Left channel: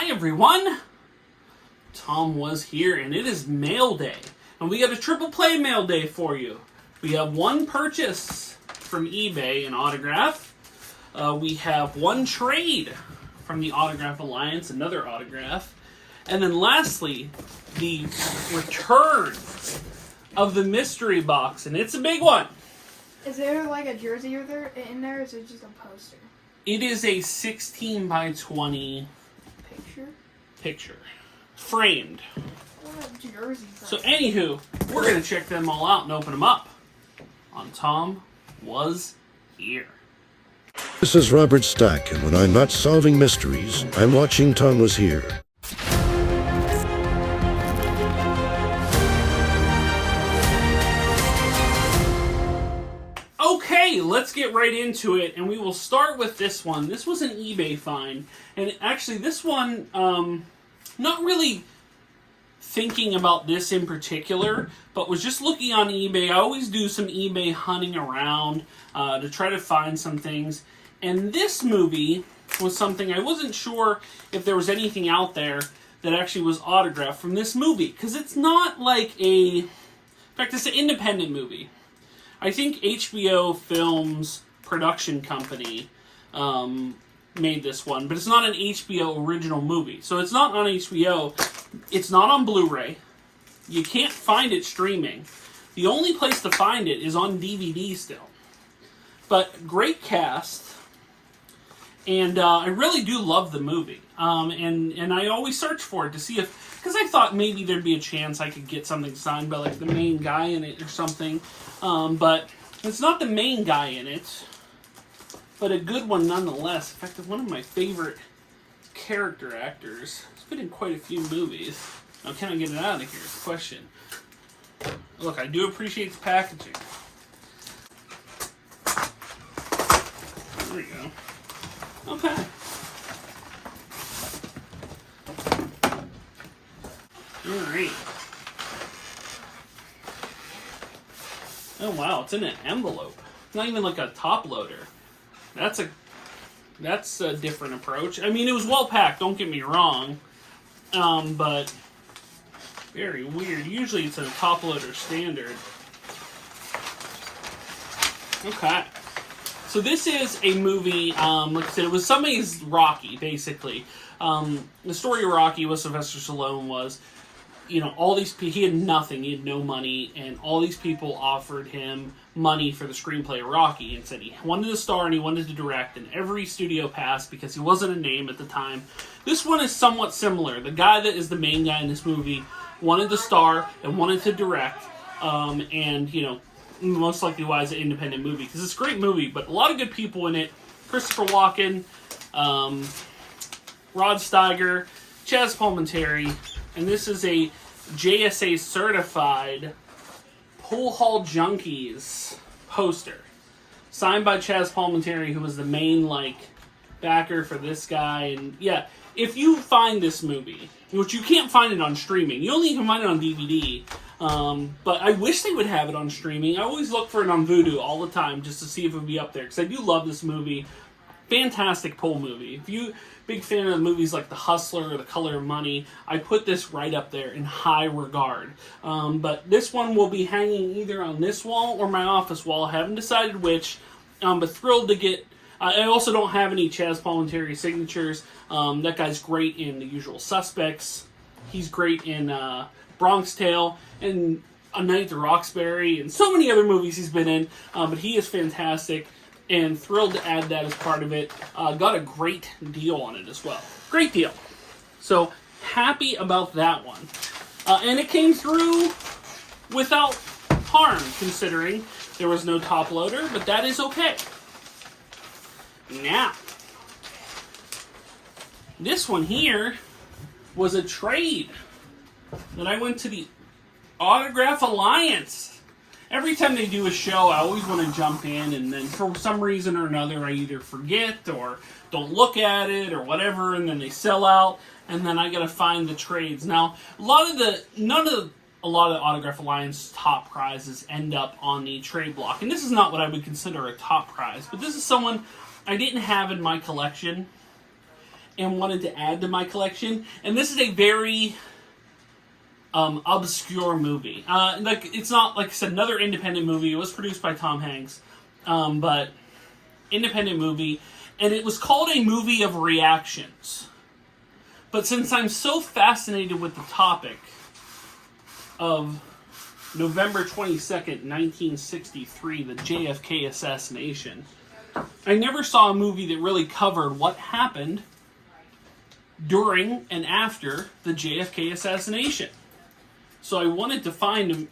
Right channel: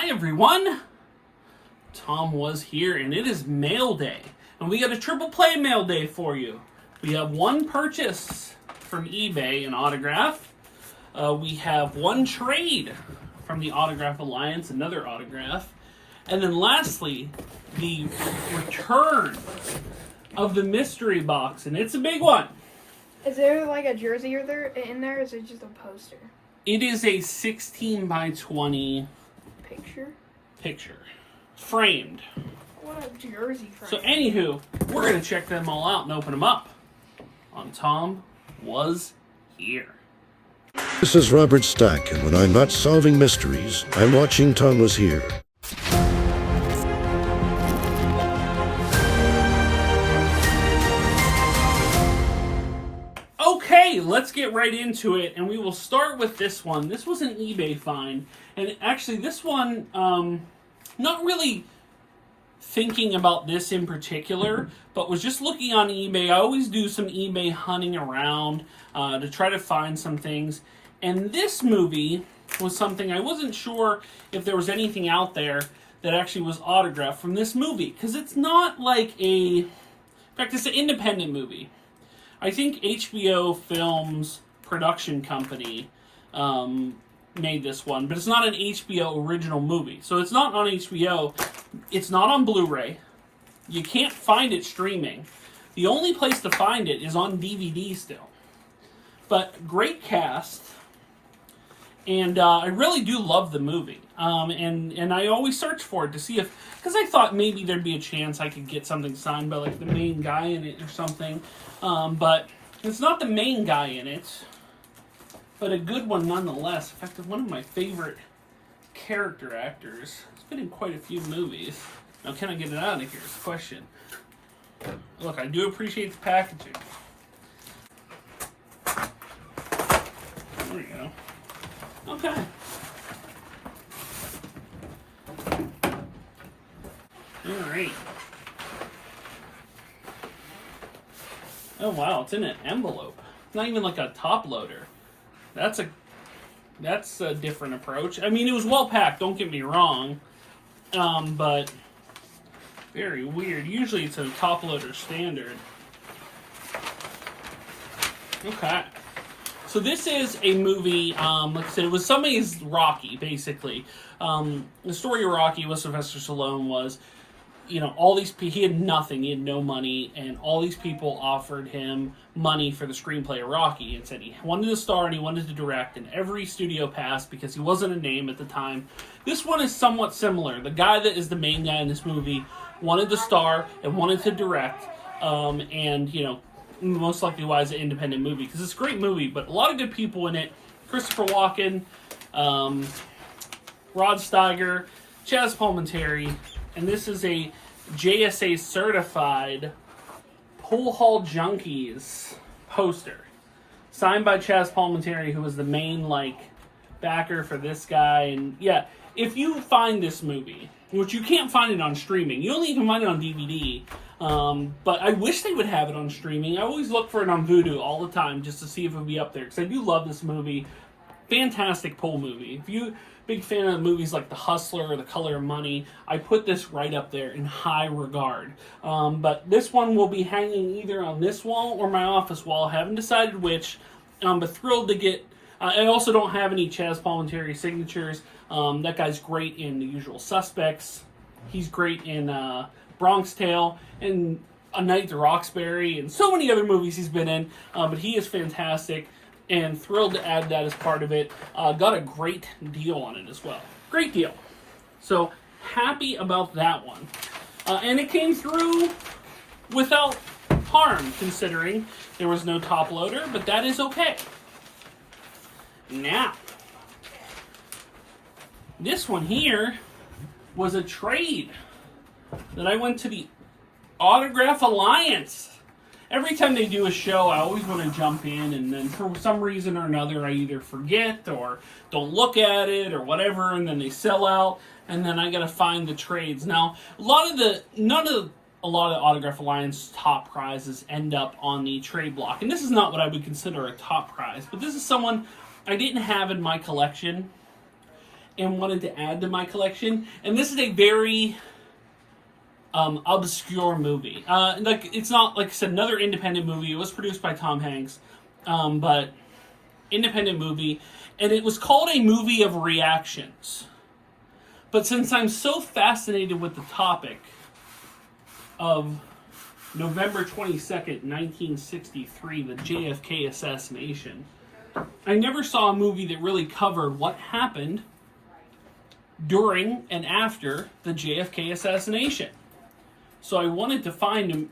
Hi everyone, Tom was here and it is mail day. And we got a triple play mail day for you. We have one purchase from eBay, an autograph. We have one trade from the Autograph Alliance, another autograph. And then lastly, the return of the mystery box, and it's a big one. Is there like a jersey in there, or is it just a poster? It is a 16 by 20 picture. Framed. What a jersey frame. So anywho, we're going to check them all out and open them up on Tom Was Here. This is Robert Stack, and when I'm not solving mysteries, I'm watching Tom Was Here. Okay, let's get right into it, and we will start with this one. This was an eBay find, and actually this one, not really thinking about this in particular, but was just looking on eBay. I always do some eBay hunting around to try to find some things, and this movie was something I wasn't sure if there was anything out there that actually was autographed from this movie, because it's not like in fact, it's an independent movie. I think HBO Films production company made this one, but it's not an HBO original movie. So it's not on HBO. It's not on Blu-ray. You can't find it streaming. The only place to find it is on DVD still. But great cast. And I really do love the movie. And I always search for it to see if... Because I thought maybe there'd be a chance I could get something signed by like the main guy in it or something. But it's not the main guy in it. But a good one nonetheless. In fact, one of my favorite character actors. He's been in quite a few movies. Now, can I get it out of here? Question. Look, I do appreciate the packaging. There we go. Okay. Alright. Oh wow, it's in an envelope. It's not even like a top loader. That's a different approach. I mean, it was well packed, don't get me wrong. But very weird. Usually it's a top loader standard. Okay. So this is a movie, like I said, it was somebody's Rocky, basically. The story of Rocky with Sylvester Stallone was, all these people, he had nothing, he had no money, and all these people offered him money for the screenplay of Rocky, and said he wanted to star and he wanted to direct, and every studio passed because he wasn't a name at the time. This one is somewhat similar. The guy that is the main guy in this movie wanted to star and wanted to direct, and, most likely why it's an independent movie, because it's a great movie, but a lot of good people in it. Christopher Walken, Rod Steiger, Chaz Palminteri, and this is a JSA certified Pool Hall Junkies poster, signed by Chaz Palminteri, who was the main backer for this guy. And yeah, if you find this movie, which you can't find it on streaming, you only can find it on DVD. But I wish they would have it on streaming. I always look for it on Vudu all the time just to see if it would be up there, because I do love this movie. Fantastic pool movie. If you big fan of movies like The Hustler or The Color of Money, I put this right up there in high regard. But this one will be hanging either on this wall or my office wall. I haven't decided which, but thrilled to get... I also don't have any Chaz Palminteri signatures. That guy's great in The Usual Suspects. He's great in Bronx Tale and A Night to Roxbury and so many other movies he's been in. But he is fantastic. And thrilled to add that as part of it. Got a great deal on it as well. Great deal. So, happy about that one. And it came through without harm, considering there was no top loader, but that is okay. Now, this one here was a trade that I went to the Autograph Alliance. Every time they do a show, I always want to jump in, and then for some reason or another, I either forget or don't look at it or whatever, and then they sell out, and then I got to find the trades. Now, a lot of Autograph Alliance top prizes end up on the trade block, and this is not what I would consider a top prize, but this is someone I didn't have in my collection, and wanted to add to my collection. And this is a very obscure movie. It's not, like I said, another independent movie. It was produced by Tom Hanks, but independent movie. And it was called A Movie of Reactions. But since I'm so fascinated with the topic of November 22nd, 1963, the JFK assassination, I never saw a movie that really covered what happened during and after the JFK assassination. So I wanted to find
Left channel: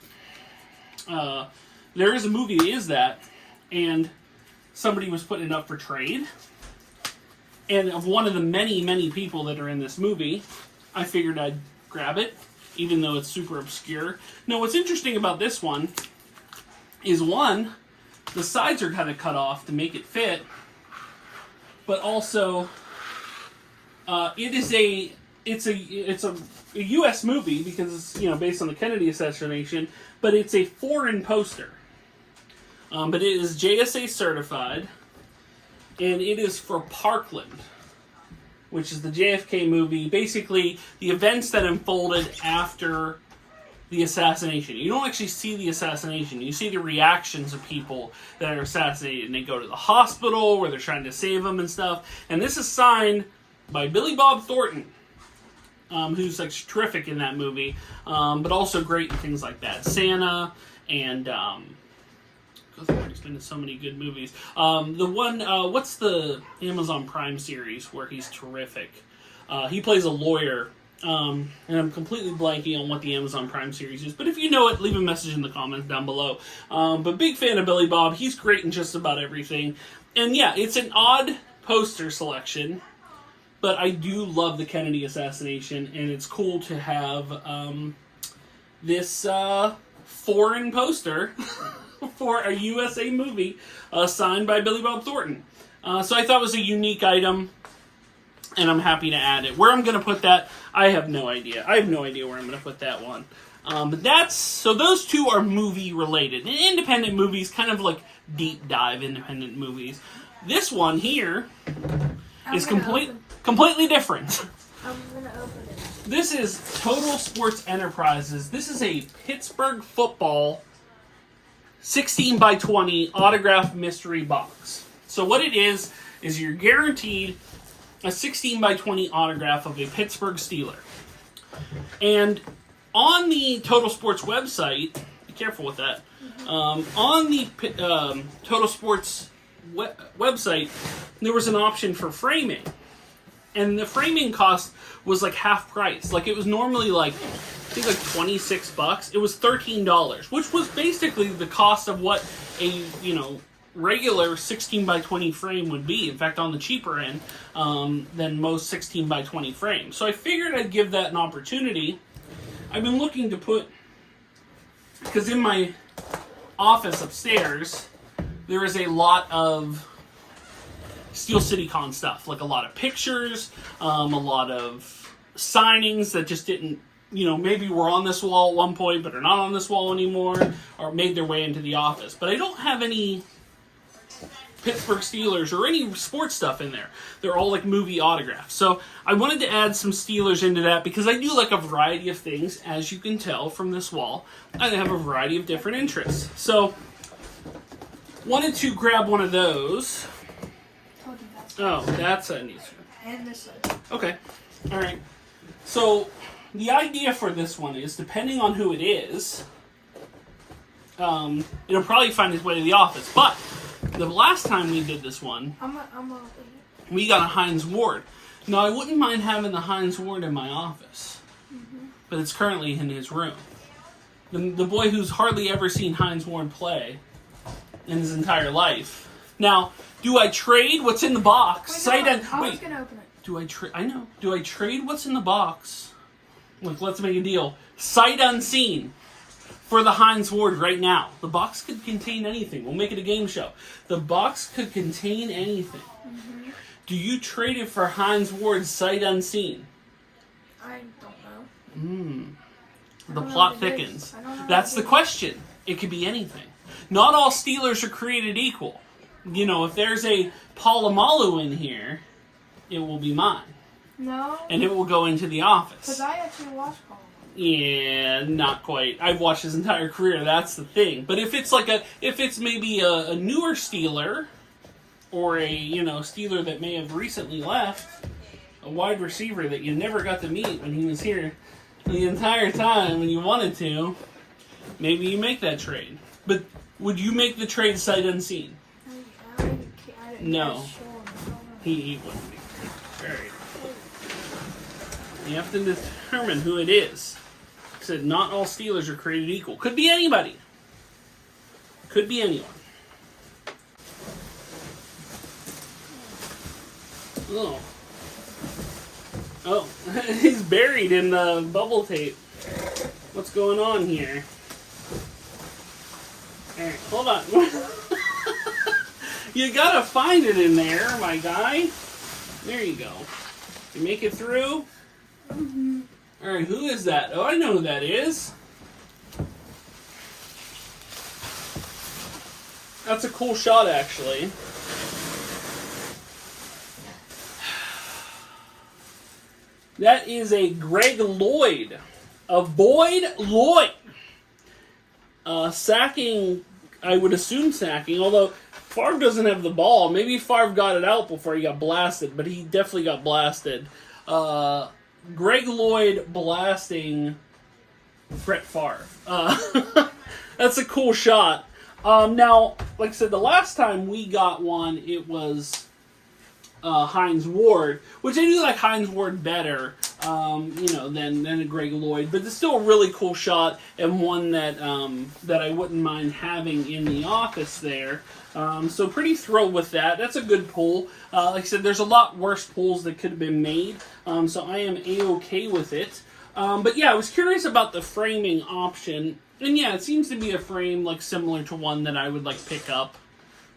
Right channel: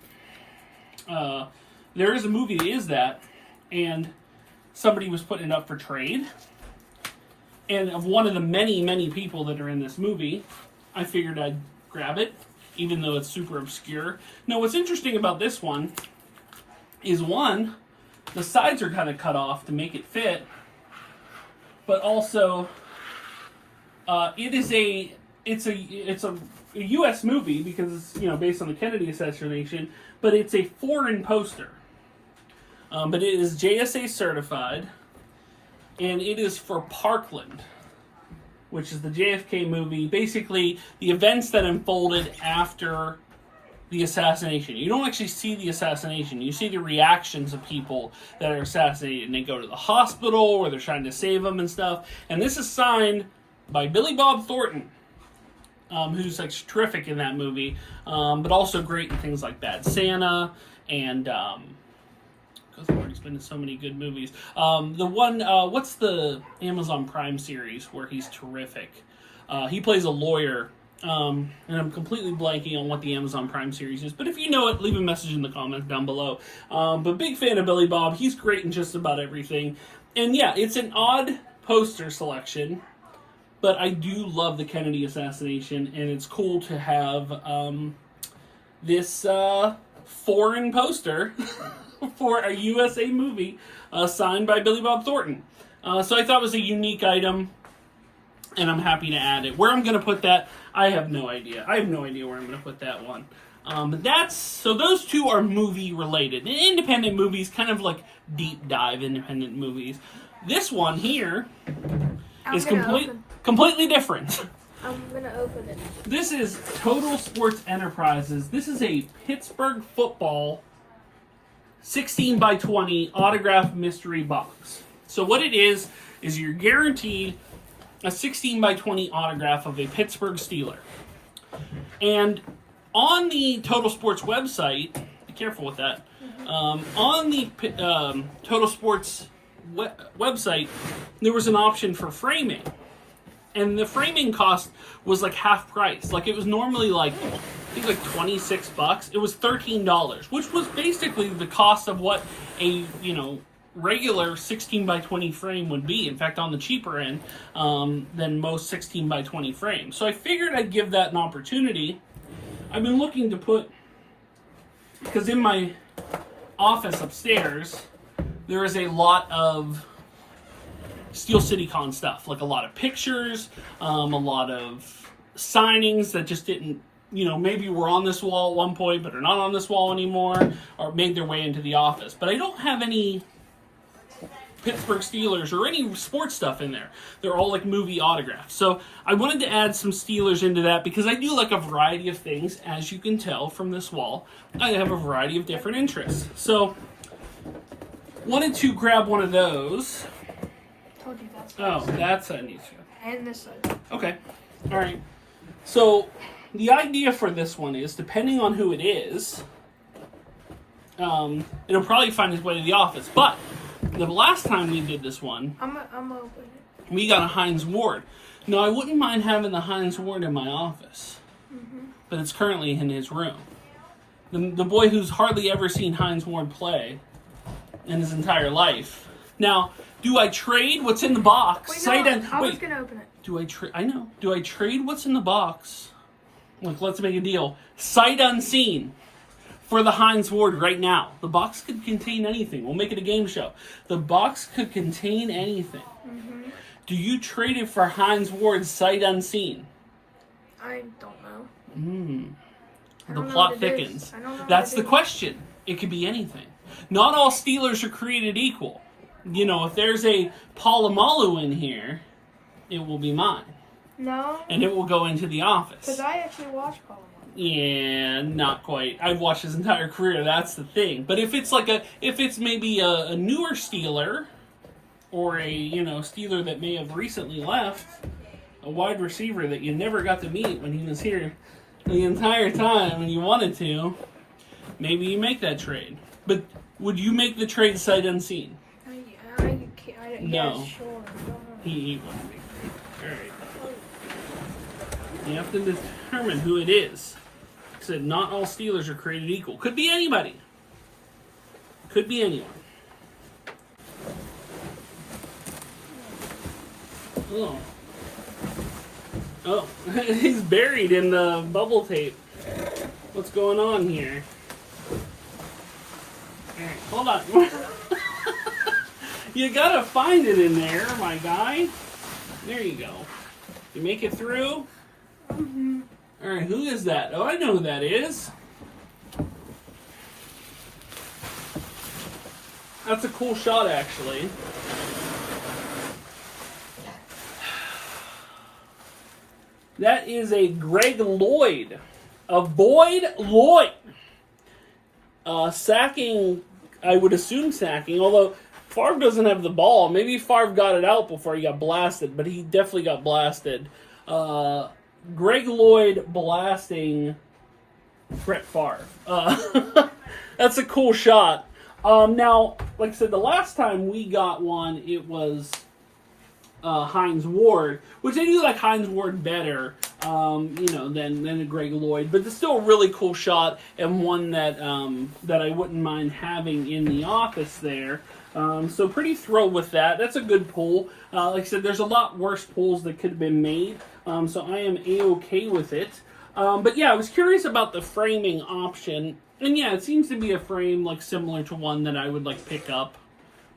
there is a movie that is that, and somebody was putting it up for trade. And of one of the many, many people that are in this movie, I figured I'd grab it, even though it's super obscure. Now, what's interesting about this one is, one, the sides are kind of cut off to make it fit, but also it's a U.S. movie because it's, based on the Kennedy assassination, but it's a foreign poster. But it is JSA certified, and it is for Parkland, which is the JFK movie. Basically, the events that unfolded after the assassination. You don't actually see the assassination. You see the reactions of people that are assassinated, and they go to the hospital where they're trying to save them and stuff. And this is signed by Billy Bob Thornton, who's like terrific in that movie, but also great in things like Bad Santa and he's been in so many good movies. The one, what's the Amazon Prime series where he's terrific? He plays a lawyer, and I'm completely blanking on what the Amazon Prime series is, but if you know it, leave a message in the comments down below. But big fan of Billy Bob. He's great in just about everything. And yeah, it's an odd poster selection, but I do love the Kennedy assassination, and it's cool to have this foreign poster for a USA movie signed by Billy Bob Thornton. So I thought it was a unique item, and I'm happy to add it. Where I'm going to put that, I have no idea. I have no idea where I'm going to put that one. But so those two are movie related. Independent movies, kind of like deep dive independent movies. This one here is completely different. I'm going to open it. This is Total Sports Enterprises. This is a Pittsburgh football 16 by 20 autographed mystery box. So what it is you're guaranteed a 16 by 20 autograph of a Pittsburgh Steeler. And on the Total Sports website, be careful with that, on the Total Sports website, there was an option for framing. And the framing cost was like half price. Like, it was normally like, I think like $26. It was $13, which was basically the cost of what a, regular 16 by 20 frame would be. In fact, on the cheaper end than most 16 by 20 frames. So I figured I'd give that an opportunity. I've been looking to put, because in my office upstairs, there is a lot of Steel City Con stuff, like a lot of pictures, a lot of signings that just didn't, maybe were on this wall at one point, but are not on this wall anymore, or made their way into the office. But I don't have any Pittsburgh Steelers or any sports stuff in there. They're all like movie autographs. So I wanted to add some Steelers into that because I do like a variety of things, as you can tell from this wall. I have a variety of different interests. So wanted to grab one of those. Oh, that's a neat one. And this side. Okay. All right. So the idea for this one is, depending on who it is, it'll probably find its way to the office. But the last time we did this one, I'm opening it. we got a Hines Ward. Now, I wouldn't mind having the Hines Ward in my office, but it's currently in his room. The boy who's hardly ever seen Hines Ward play in his entire life. Now, do I trade what's in the box? Wait, no, I was going to open it. Do I trade? I know. Do I trade what's in the box? Like, let's make a deal. Sight unseen for the Hines Ward right now. The box could contain anything. We'll make it a game show. The box could contain anything. Mm-hmm. Do you trade it for Hines Ward sight unseen? I don't know. The plot thickens. That's the question. It could be anything. Not all Steelers are created equal. If there's a Palomalu in here, it will be mine. No. And it will go into the office. Because I actually watch Colin. Yeah, not quite. I've watched his entire career. That's the thing. But if it's maybe a newer Steeler, or a Steeler that may have recently left, a wide receiver that you never got to meet when he was here the entire time and you wanted to, maybe you make that trade. But would you make the trade sight unseen? No. He wouldn't make it. All right. You have to determine who it is. Like I said, not all Steelers are created equal. Could be anybody. Could be anyone. Oh, he's buried in the bubble tape. What's going on here? Alright, hold on. You gotta find it in there, my guy. There you go. You make it through? Mm-hmm. Alright, who is that? Oh, I know who that is. That's a cool shot, actually. That is a Greg Lloyd. A Boyd Lloyd. Sacking, I would assume sacking, although Favre doesn't have the ball. Maybe Favre got it out before he got blasted, but he definitely got blasted. Greg Lloyd blasting Brett Favre. That's a cool shot. Now, like I said, the last time we got one, it was Hines Ward, which I do like Hines Ward better, than a Greg Lloyd, but it's still a really cool shot and one that I wouldn't mind having in the office there. So pretty thrilled with that. That's a good pull. Like I said, there's a lot worse pulls that could have been made, so I am A-okay with it. But yeah, I was curious about the framing option, and yeah, it seems to be a frame like similar to one that I would like pick up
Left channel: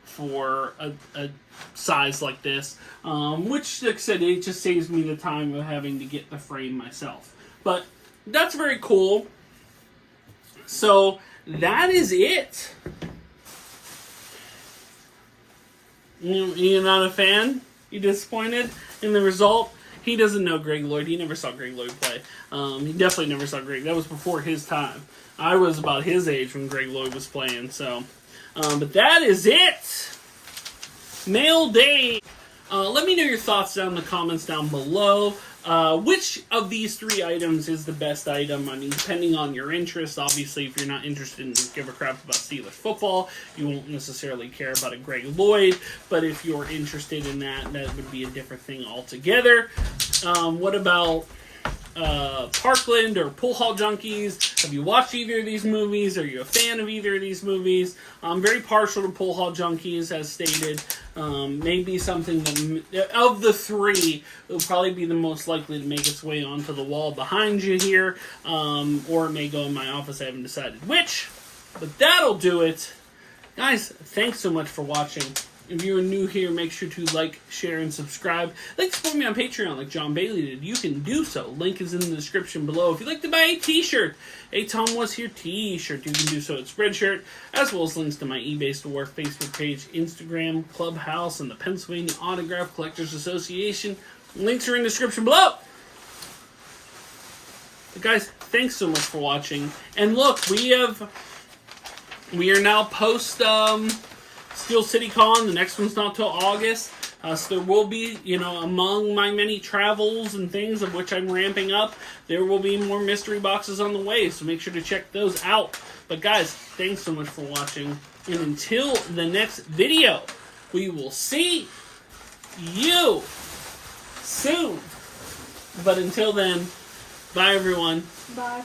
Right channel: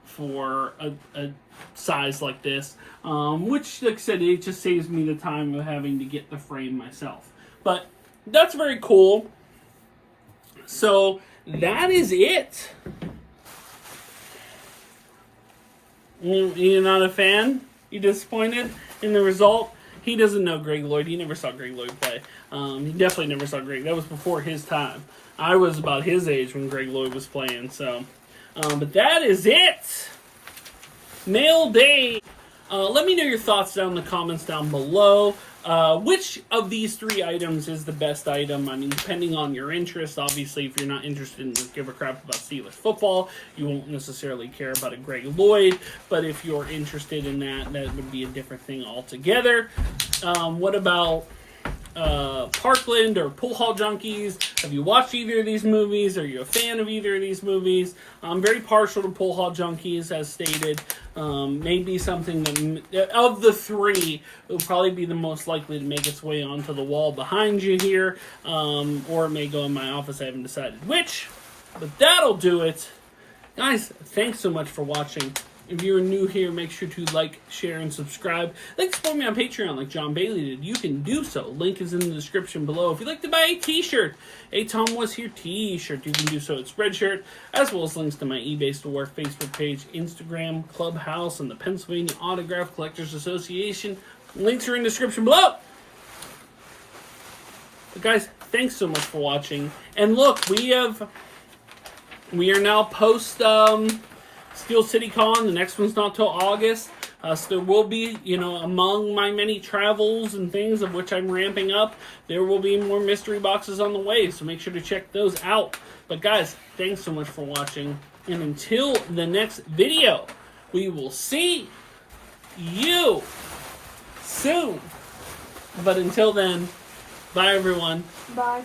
for a size like this, which, like I said, it just saves me the time of having to get the frame myself. But that's very cool. So that is it. You're not a fan? You disappointed in the result? He doesn't know Greg Lloyd. He never saw Greg Lloyd play. He definitely never saw Greg. That was before his time. I was about his age when Greg Lloyd was playing. So, but that is it. Mail day. Let me know your thoughts down in the comments down below. Which of these three items is the best item? I mean, depending on your interest. Obviously, if you're not interested in give a crap about Steelers football, you won't necessarily care about a Greg Lloyd. But if you're interested in that, that would be a different thing altogether. What about Parkland or Pool Hall Junkies? Have you watched either of these movies? Are you a fan of either of these movies? I'm very partial to Pool Hall Junkies, as stated. Maybe something that, of the three, will probably be the most likely to make its way onto the wall behind you here, or it may go in my office. I haven't decided which, but that'll do it. Guys, thanks so much for watching. If you're new here, make sure to like, share, and subscribe. Like to support me on Patreon like John Bailey did. You can do so. Link is in the description below. If you'd like to buy a t-shirt, a Tomwashere t-shirt, you can do so at Spreadshirt, as well as links to my eBay store, Facebook page, Instagram, Clubhouse, and the Pennsylvania Autograph Collectors Association. Links are in the description below. But guys, thanks so much for watching. And look, we are now post Steel City Con. The next one's not till August. So there will be, among my many travels and things of which I'm ramping up, there will be more mystery boxes on the way. So make sure to check those out. But guys, thanks so much for watching. And until the next video, we will see you soon. But until then, bye everyone. Bye.